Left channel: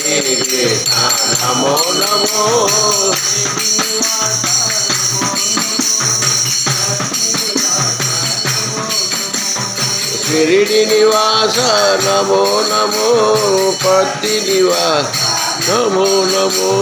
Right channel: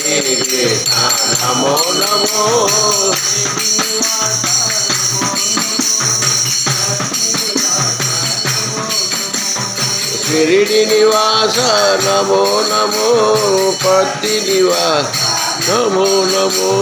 साई कृष्ण नमो नमो शिरडी निवास नमो नमो पति निवास नमो नमो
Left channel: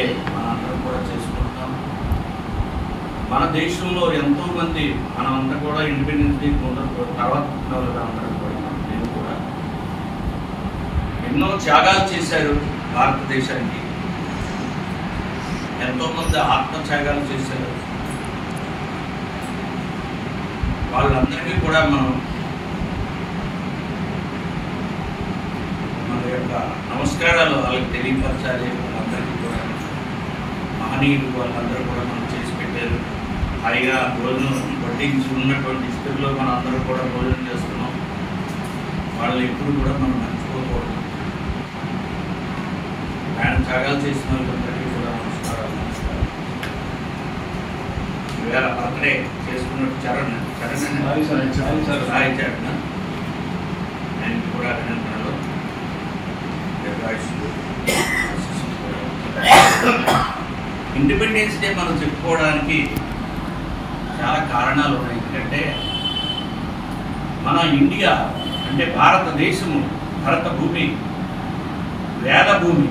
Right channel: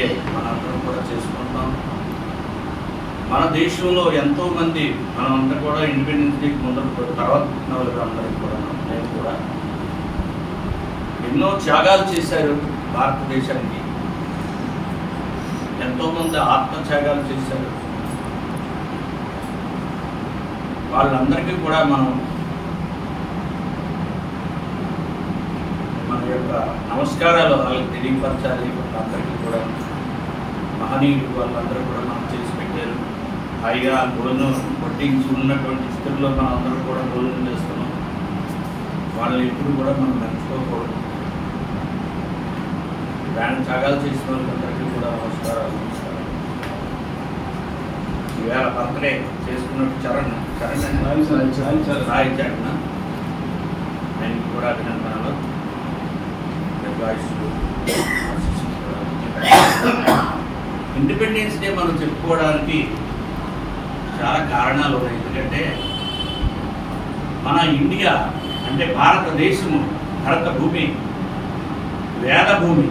డే మనందరం కూడా చేసుకుంటాం. మన దేశంలో ఎంతోమంది మనమంతా కూడా ఇండిపెండెన్స్ డేకి ముందర తర్వాత పుట్టిన వాళ్ళు అందరూ కూడా నేను కూడా ఎన్నో త్యాగాలు చేశారు భారతదేశానికి. ఎంతోమంది ఆత్మత్యాగాలు చేశారు. వాళ్ళందరికీ కూడా మన యొక్క నమస్కారాలు వాళ్ళకి తెలియపరచాలి. వాళ్ళందరికీ కూడా మహనీయులు వాళ్ళందరూ కూడా మనం చేసి పెట్టారు. హాయిగా భోజనం వడ్డించి ఉన్నటువంటి స్థితిలో మనం అందరూ కూడా భోజనం చేస్తున్నాం. వాళ్ళని ఎప్పుడు కూడా మనం మర్చిపోకూడదు. ప్రాణ త్యాగాలు చేసిన వాళ్ళందరికీ కూడా నమస్కారాలు. ఈవేళ బర్త్డే చేసుకున్నట్టు చరణ్ సాయి చరణ్ ఆయనకి కూడా అభినందనలు. ఇండిపెండెన్స్ డే మనం చెప్పుకోవడానికి చాలా కారణాలు ఉన్నాయి. ఎందుకంటే మన ఇండియా అంటే భారతదేశము, భారత భూమి వేద భూమి.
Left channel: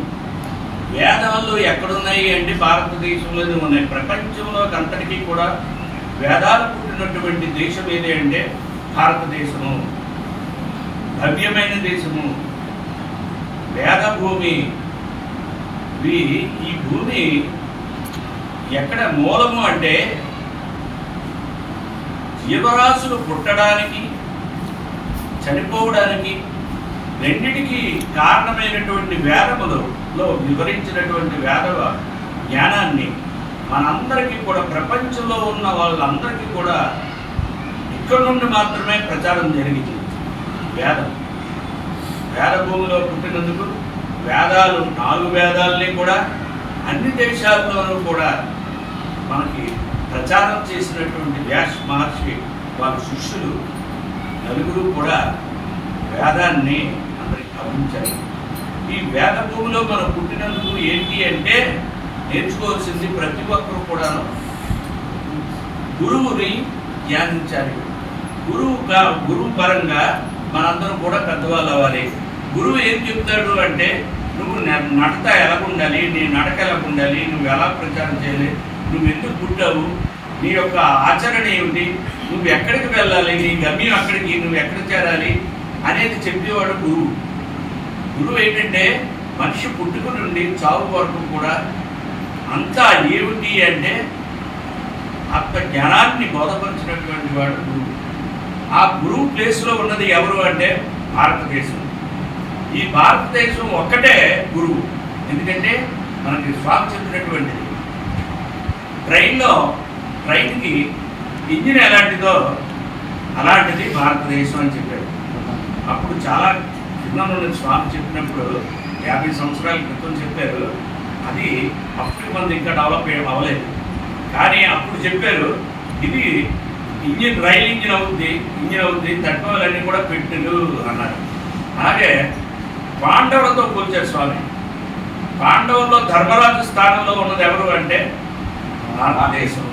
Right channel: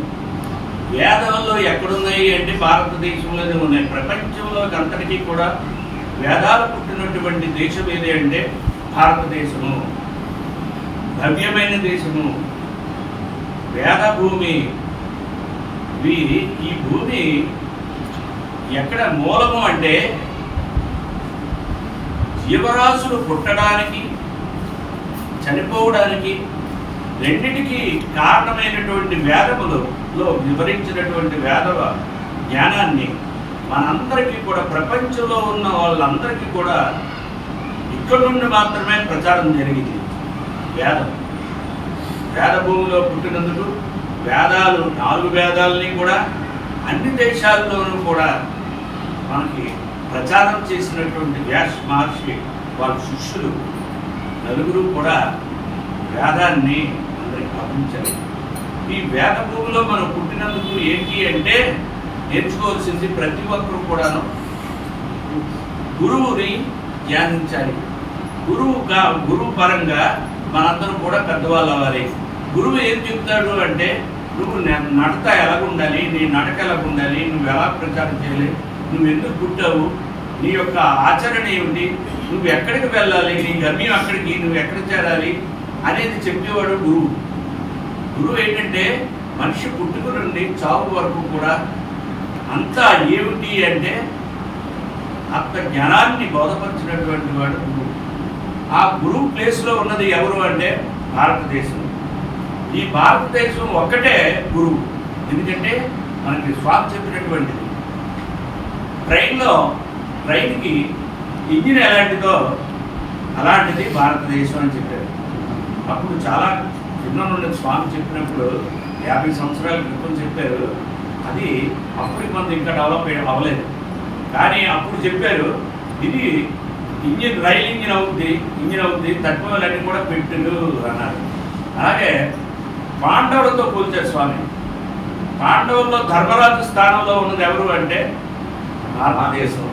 వేదంలో ఎక్కడున్నాయి అంటే భారతదేశంలోనే ఉన్నాయి. ప్రపంచంలో అంతటికీ కూడా వేదాలు పుట్టినటువంటి దేశం ఏది అంటే భారతదేశము. భవ్యమైన దేశము, వేద భూమి. ఈ భూమి ఎక్కడ మూలము అంటే జీవరాశులు పుట్టడానికి చనిపోవడానికి రెండిటికి కారణమైనటువంటి వేదములలో వివరించినటువంటి వేద జ్ఞానాన్ని మనందరికీ కూడా ప్రపంచంలో ఉన్న వాళ్ళందరికీ కూడా ఇక్కడ నుండి మాత్రమే ప్రచారం జరిగింది. వేద భూమిలో పుట్టినందుకు వేదాలు 4 వేదాలని కూడా అన్ని దేశాల్లోనూ కూడా మనకి ప్రచారం చేసినటువంటి వ్యాస మహర్షి వాళ్ళ శిష్యులు నలుగురు కూడా వేదాన్ని అందరికి పంపించారు. ఈ వేద భూమిలో మనం పుట్టినందుకు ఏంటి అంటే నేర్చుకోవాల్సింది ప్రతి ఒక్కరు కూడాను గురువుని ధ్యానించాలి. గురువు పరంగా మనందరం కూడా పెద్దవాళ్ళు అవ్వాలి. గురువు ఏం చెప్తాడు అంటే నువ్వు నడత ఎలాగుండాలి, నీ నడక ఎలాగుండాలి, నువ్వు ఎలా ప్రచారం చేయాలి, నువ్వు ఎందుకు పుట్టావు, నీ యొక్క ఆచరణ ఏమిటి, నువ్వు ఎక్కడికి వెళ్ళాలి, నీ గమ్యం అక్కడికి, నువ్వు ఎక్కడ చేరాలి అనేది చెప్పేవాడు గురువు. గురువు ఏంటంటే మనిషి పుట్టుక నుండి చావు వరకు కూడా అంతా ఏమిటి అంటే ఆత్మ జ్ఞానాన్ని బోధపరిచినటువంటి వాడు గురువు. ఆ గురువు ప్లేస్లో ఉన్నది ఎవరు అంటే భారతదేశం. ఈ భారతదేశం ఒక్కటే గురువు. ఎందుకంటే మనకి స్వామి చెప్పినటువంటిది ట్రైన్కి ఇంజిన్ ఎలాంటిదో అలాంటిది భారతదేశం అని చెప్పారు. అప్పుడు చాలా చిన్న నుండి స్వామి చెప్పినప్పుడు 50 సంవత్సరాల క్రితం చెప్పారు. అది అప్పుడు కొంత ఇంకా డెవలప్ అవ్వలేదు. కానీ అప్పుడు చెప్పారు ఇది రైల్ ఇంజిన్ అవుద్ది తట్టుకోవాలని కూడా పెట్టిండు అన్నారు. అలాగే పాండవులతో పోల్చారు స్వామి. పాండవుల్లో ధర్మరాజు స్థానంలో ఉన్నది ఎవరు అంటే భారతదేశం.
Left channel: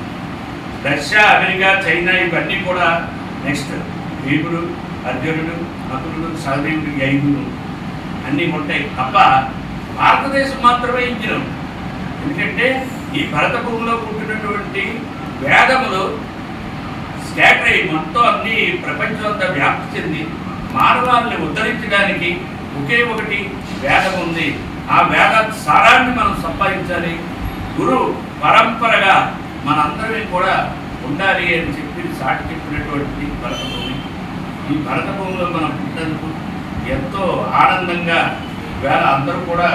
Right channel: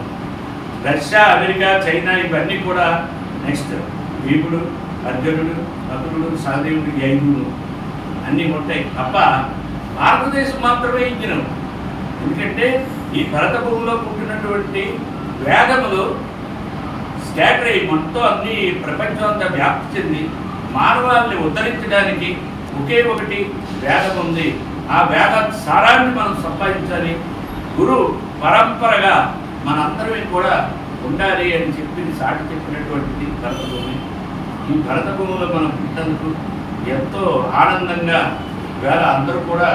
రష్యా, అమెరికా, చైనా ఇవన్నీ కూడా నెక్స్ట్. భీముడు, అర్జునుడు, నకులుడు, సహదేవుడు, 5 అన్నీ ఉంటాయి తప్ప భారతదేశం మాత్రమే ఇంజినం. ఎందుకంటే ఈ భరత భూమిలో పుట్టినటువంటి వేదములు స్కాటర్ అయ్యి మొత్తం అన్ని ప్రపంచం అంతా వ్యాప్తి చెంది మానవాళ్ళని ఉద్ధరించడానికి ఒకే ఒకటి వేదం ఉంది. ఆ వేద సారాన్ని మనం సంపాదించాలి. గురు పరంపరగా మనందరం కూడా ఉండాలి అని చెప్పి సాటి చెప్పినటువంటి భరతభూమి. ఈ భరతభూమిలో మనం పుట్టినందుకు ఎంతో ఆనందంగా ఈవేళ అందరూ కూడా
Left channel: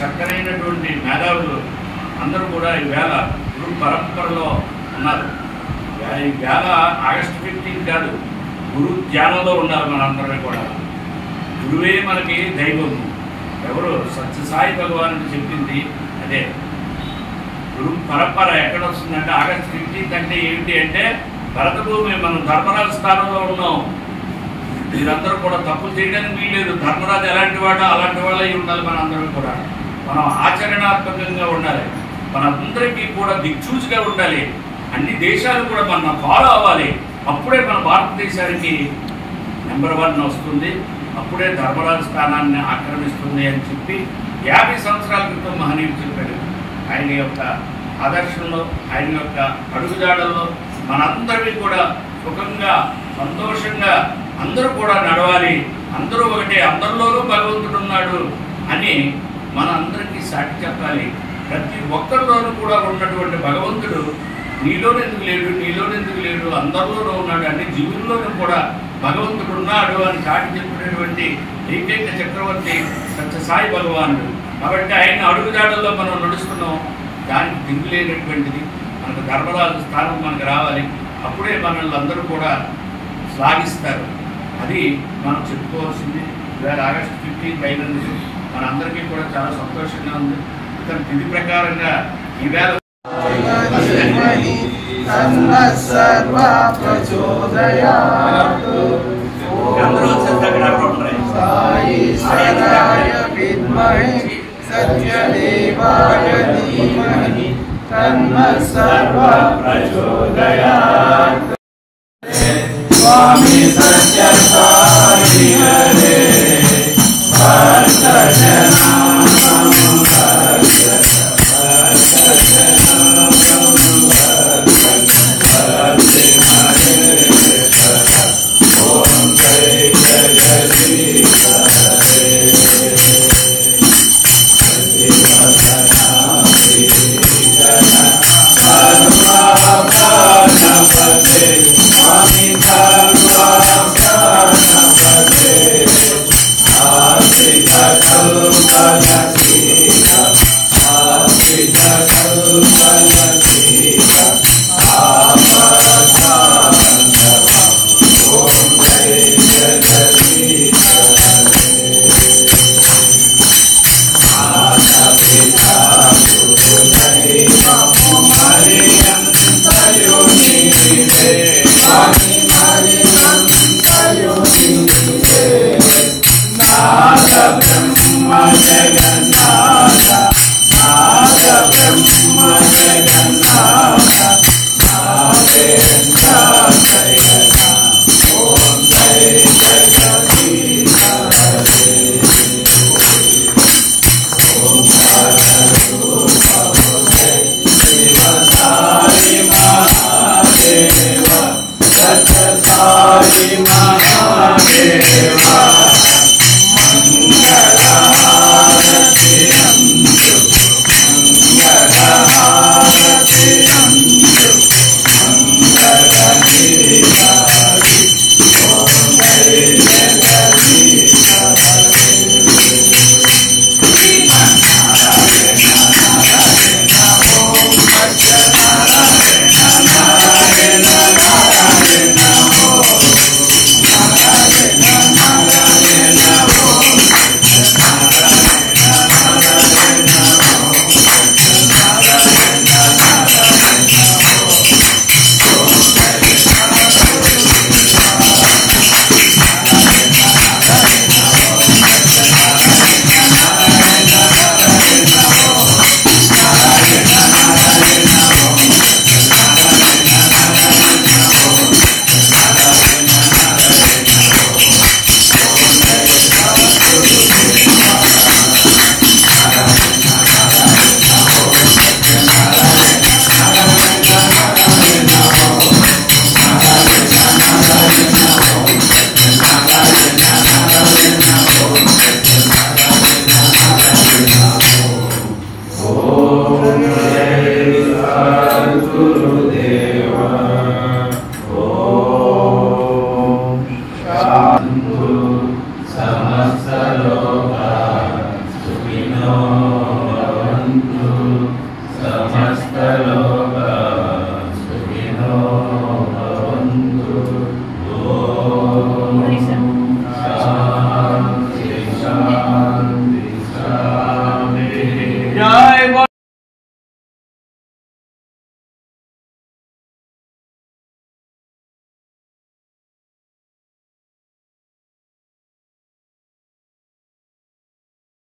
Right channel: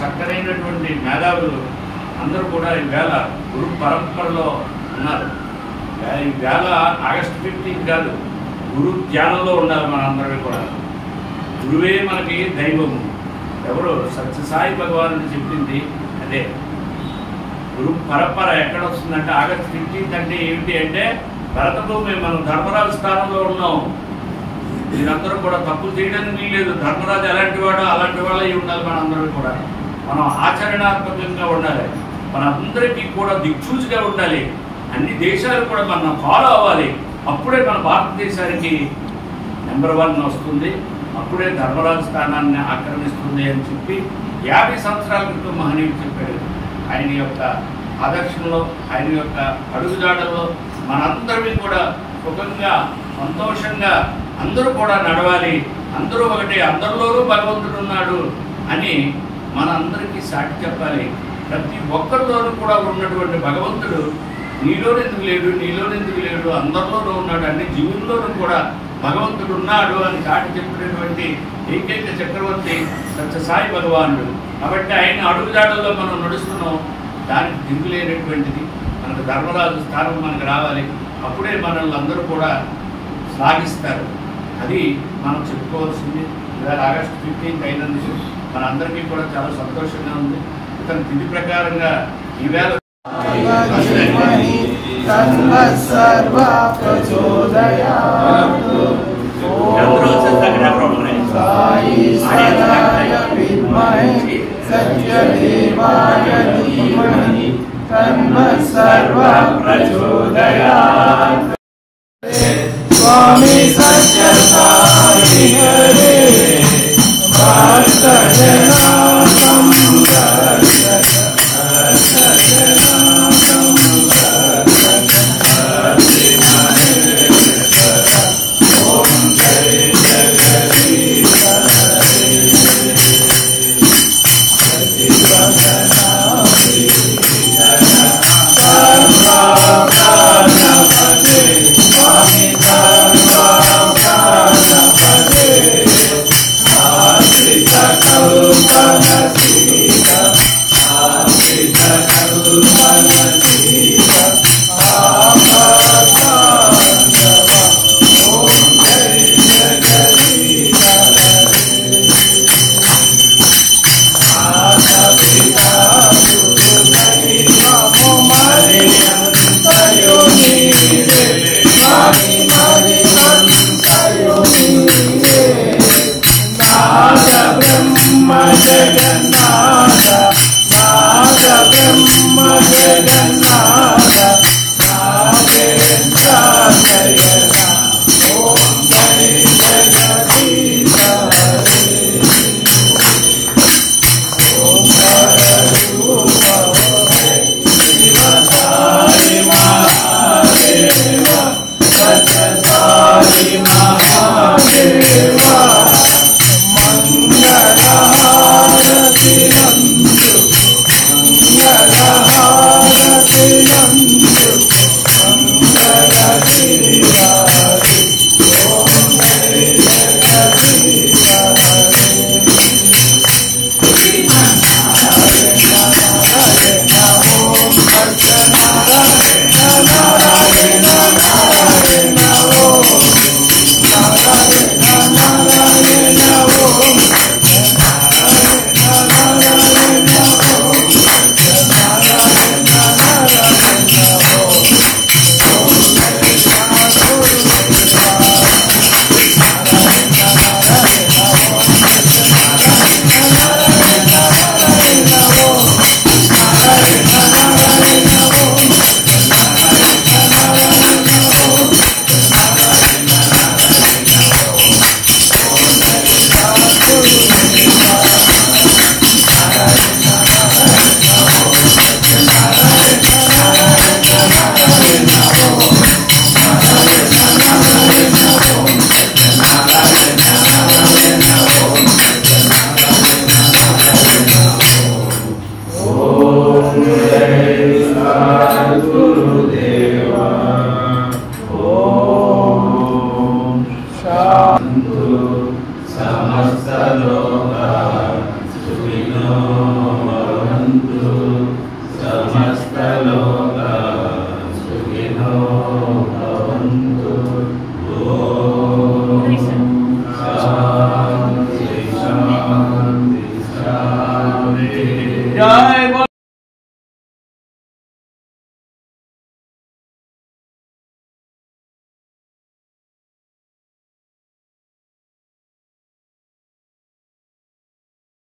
చక్కనైనటువంటి మేధావులు అందరూ కూడా ఈవేళ గురు పరంపరలో ఉన్నారు. ఈవేళ ఆగస్టు 15 కాదు, గురు ధ్యానంలో ఉండాలి మనందరం కూడా. గురువే మనకి దైవము. ఎవరు సత్యసాయి భగవానుడు చెప్పింది అదే. గురు పరంపర ఎక్కడ వస్తుందంటే ఆగస్టు 15 అంటే ఏమిటి అంటే భరతభూమి. మనం ధర్మరాజు స్థానంలో ఉన్నాం. మీరందరూ కూడా తప్పులు చేయడానికి వీలేదు. ధర్మరాజు ఎలాంటి వాడో అలాంటి వాళ్ళు అయి ఉండాలి. మనందరం కూడా మనం ఆచరణాత్మకంగా ఉండాలి. మనందరికీ కూడా దిక్సూచిగా ఉండాలి. అన్ని దేశాలు కూడా మనం ఫాలో అవ్వాలి. అప్పుడే మన భారతదేశానికి నెంబర్ 1 వస్తుంది. అప్పుడే ధర్మరాజు స్థానాన్ని ఆక్రమిస్తుంది అని చెప్పి 50 సంవత్సరాల క్రితం మహనీయుడు చెప్పాడు. ఆయన యొక్క ఆదర్శంలో, ఆయన యొక్క అడుగుజాడల్లో మనందరినీ కూడా సుఖంగా, సంతోషంగా అందరూ కూడా నడవాలి. అందరూ ఒకటే, అందరిలోనూ భగవంతుడు ఉన్నాడు అని మనందరికీ సాటి చెప్పాలి. ప్రతి ఒక్కరిలోనూ కూడా ఉన్నటువంటి భగవంతుడు నీలోనెందుకు లేడు, నీలోనెందుకు లేడు, అందరిలోనూ ఉన్నాడు, అన్ని జీవుల్లోనూ కూడా భగవంతుడు ఉన్నాడు అని చాటి చెప్పినటువంటి ఏకైక చక్రవర్తి సత్యసాయి భగవానుడు. కాబట్టి ఆయన అడుగుజాడల్లో మనం నడుస్తున్నాం. దానికి దిగులేనటువంటిది మనకు ధర్మరాజు స్థానం మనకు రావాలి. అప్పుడే మనల్ని అందరూ కూడా సాగిస్తారు. అది మనం చెప్పుకోవాల్సింది. ఇవాళ ఆగస్టు 15 అయినందుకు మన అందరికీ కూడా చాలా సంతోషంగా ఉంది. ఇతని తిథి ప్రకారంగా ఈవేళ स्वामी सत्य साई रे Bye.